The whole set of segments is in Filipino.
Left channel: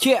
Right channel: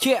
Yeah.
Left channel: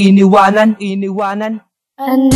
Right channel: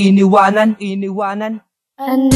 iniwanan, iniwanan. And